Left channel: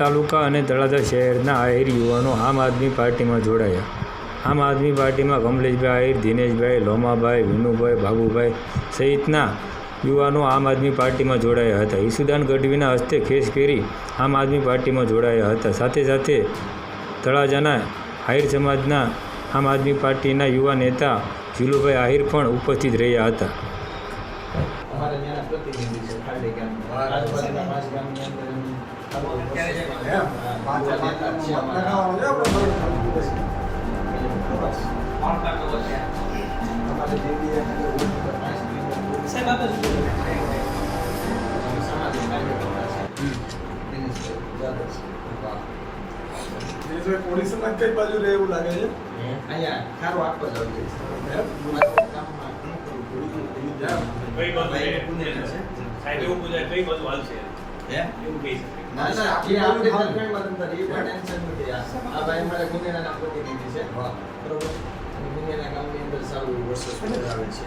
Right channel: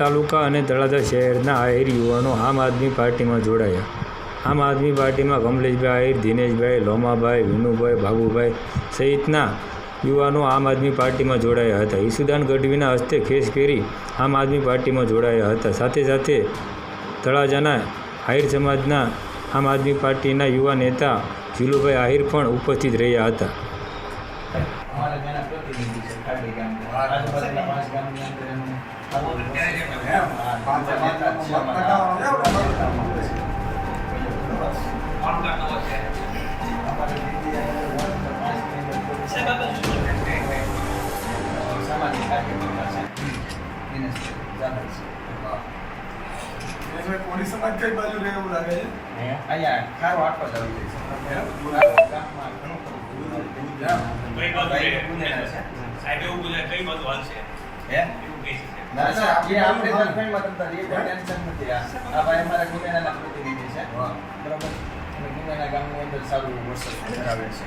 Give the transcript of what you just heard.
તાલુકા અને તળાજા શહેરના આહિર યુવાનો આમ આદમી પાર્ટીમાં જોડાયા. આમ આદમી પાર્ટીમાં કમલેશભાઈ આહિર, દિનેશભાઈ, લોમાભાઈ, વિનુભાઈ, બાબુભાઈ સહિતના યુવાનો આમ આદમી પાર્ટીમાં જોડાયા હતા. ઈસુદાન ગઢવીના હસ્તે ખેસ પહેરી આમ આદમી પાર્ટીમાં જોડાયા હતા. સાથે સાથે તળાજાના આહિર સમાજના આમ આદમી પાર્ટીના યુવા નેતા ઝીલુભાઈ આહિર પણ ઉપસ્થિત રહ્યા હતા. પોલીસના કઈ બાજુ રહેવું લાગે છે? અહીંયા ખારો આખો જ આવી જાય છે. ના આપણે ઝારખંડમાં તમતાર એ કોઈ ટેન્શન નથી. આ ભાઈ અમારા ગુનેગારના પ્રતિનિધિ છે, બરોબર, અને ગુનેગાના ગામની અંદર સારું વર્ષ ધરાવે છે.